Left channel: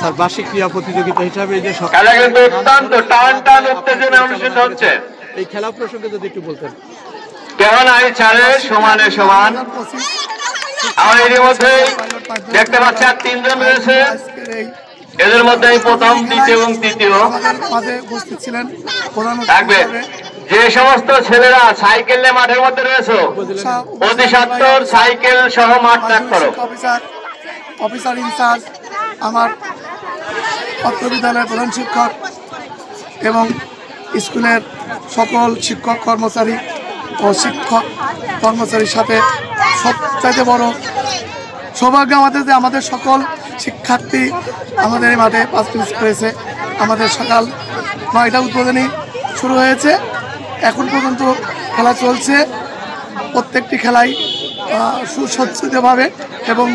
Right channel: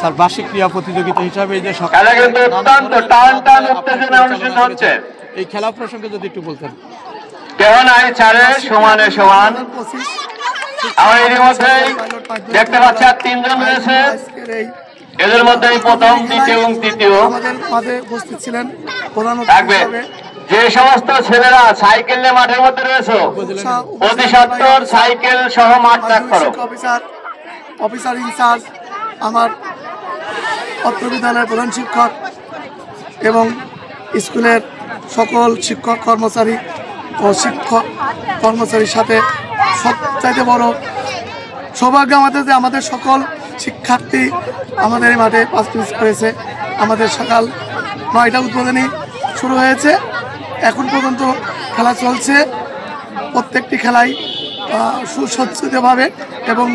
Sir বার্ষিক ক্রীড়া প্রতিযোগিতা হিসাবে এই যে খেলা কিন্তু অত্যন্ত টান টান উত্তেজনা অনুষ্ঠিত হচ্ছে। এই খেলা প্রসঙ্গে যদি একটু বলতেন। কেমন আই ছাড়ে সমানে সমান। আমরা এর মধ্যে দেখতে পাচ্ছি আর 3 জন রয়েছে, এদের মধ্যে প্রথম, দ্বিতীয় এবং তৃতীয় আমাদের মাঝে উপস্থিত ছিলেন প্রধান থাকবে। যে সমস্ত ছেলেরা সাইকেল নিয়ে মাঠের মধ্যে রয়েছে অতি সত্বর সাইকেল সহ মাঠ ত্যাগ করো। অফিসার ইনচার্জ, আমার অত্র বিদ্যালয়ের প্রধান শিক্ষক এবং স্কুলের সকল শিক্ষক কর্মচারী ও শিক্ষক কর্মচারীর সাথে সবচাইতে বড় সৌভাগ্য আমাদের যে আমাদের সকল শিক্ষার্থী আমাদের এই মাঠে পার্টিসিপেট করেছে। আমাদের সকাল 9টা উদ্বোধনী শুরু হয়েছে, এখন পর্যন্ত খেলা চলছে। প্রত্যেকটি খেলাই সুসজ্জিতভাবে এবং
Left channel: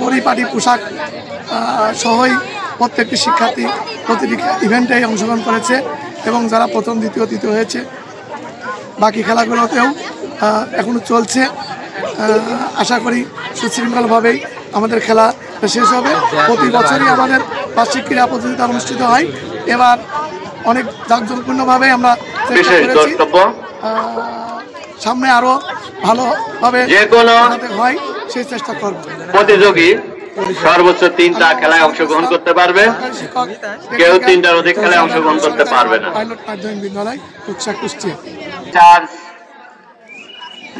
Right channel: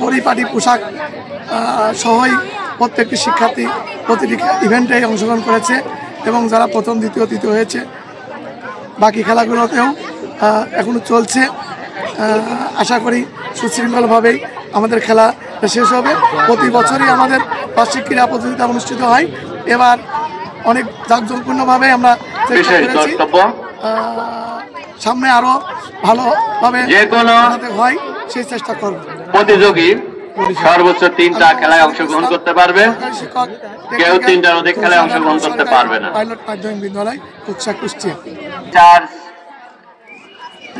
পরিপাটি পোশাক সহই প্রত্যেকটি শিক্ষার্থী প্রতিটি ইভেন্টে অংশগ্রহণ করেছে এবং যারা প্রথম, দ্বিতীয়, তৃতীয় হয়েছে বাকি খেলাগুলোতেও এখনো চলছে। আশা করি সুশৃঙ্খলভাবেই আমাদের খেলা শেষ হবে। প্রতি বছরই আমাদের বার্ষিক ক্রীড়া প্রতিযোগিতা অনুষ্ঠিত হয়, এবার অনেক জাঁকজমকপূর্ণভাবে আমরা চেষ্টা করেছি সামনে আরো ভালোভাবে হয় সেই চেষ্টা করব। প্রতিযোগী সর্বোচ্চ 3টা খেলায় অংশগ্রহণ করতে পারবে, কেউ 3টার অধিক খেলায় অংশগ্রহণ করতে পারবে না। পাইলট মাধ্যমিক বিদ্যালয় কুকসা কুষ্টিয়া।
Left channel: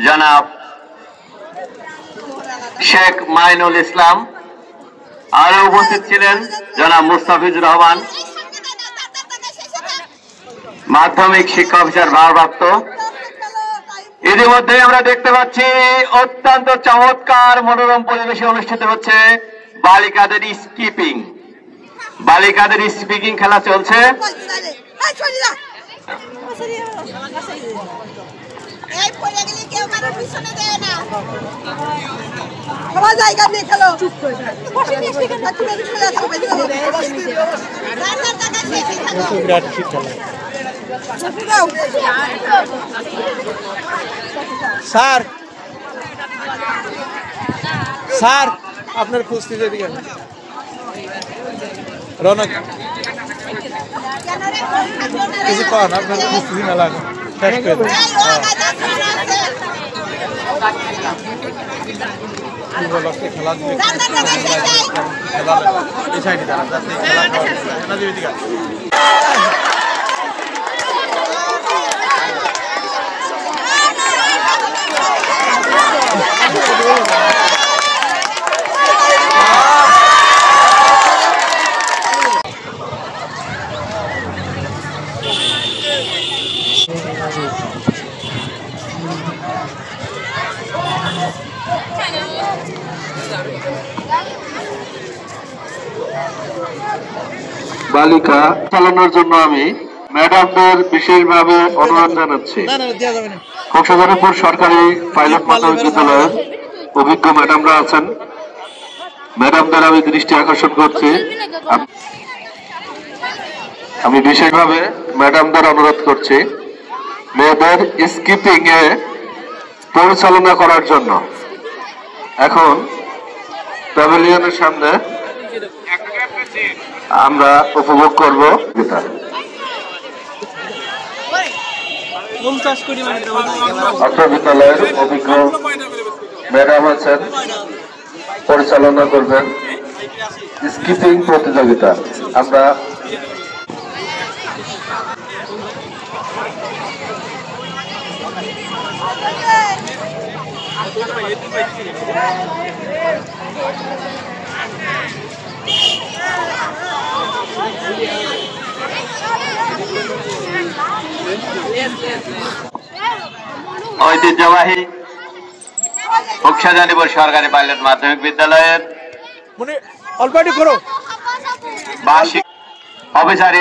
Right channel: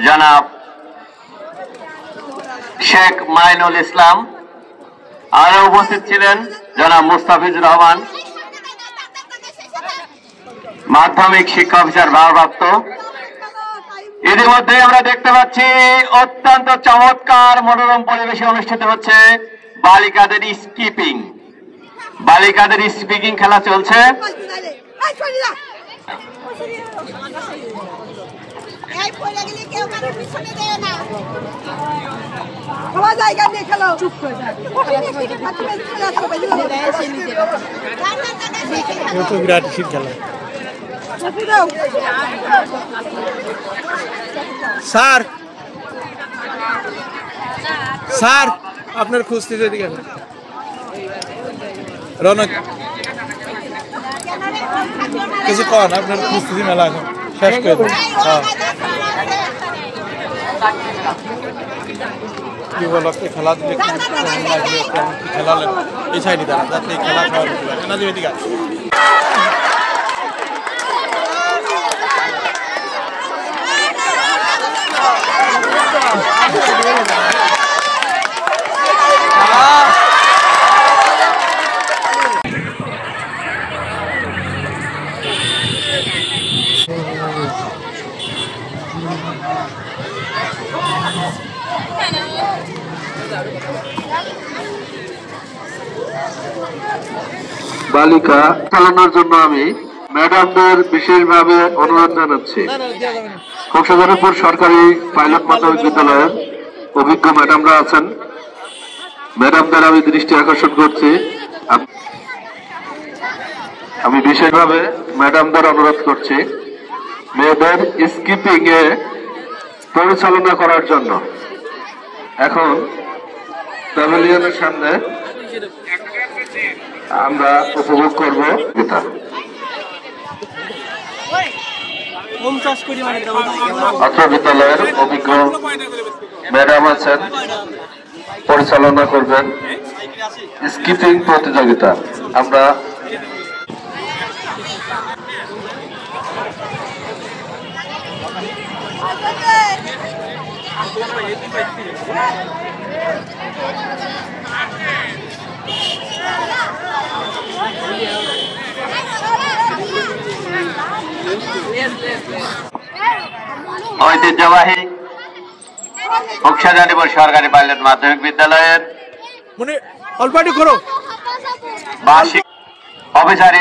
জনাব শেখ মাইনুল ইসলাম, আরো উপস্থিত ছিলেন জনাব মুস্তাফিজুর রহমান, মাধ্যমিক শিক্ষা অফিসার ভারপ্রাপ্ত। ইতিমধ্যে আমরা দেখতে পাচ্ছি অত্যন্ত চমৎকার মনোরম পরিবেশে অনুষ্ঠিত হচ্ছে বালিকাদের স্কিপিং। বালিকাদের স্পিকিং খেলা চলছে। স্যার স্যার আপনার খুঁজতে দিকে রনক কিছু কন, আপনার খুঁজতেছি মেলা শেষ করে খেলা দিলে খেলা এই সাইডে দাঁড়া। বালিকা চালানোর জন্য আমি ম্যাডামদের বিশেষভাবে অনুরোধ জানাচ্ছি। কক্সবাজার সরকারি পাইলট মাধ্যমিক বিদ্যালয়ের অভিজ্ঞ ম্যাডামরা আছেন, ম্যাডামদের আমি দৃষ্টি আকর্ষণ করছি। আমি বিশেষভাবে ম্যাডামদের অনুরোধ করছি মেয়েদের স্কিপিং এ পরিচালনা করার জন্য। এখন প্যাভিলিয়নের সামনে আমরা উপভোগ করব। অত্র বিদ্যালয়ের অভিজ্ঞ ম্যাডাম আছেন, পরিচালনা করবেন স্কিপিং প্রতিযোগিতা। আমরা ঐতিহ্যবাহী কক্সবাজার সরকারি পাইলট মাধ্যমিক বিদ্যালয়ের অল্প করো বার্ষিক অফিসার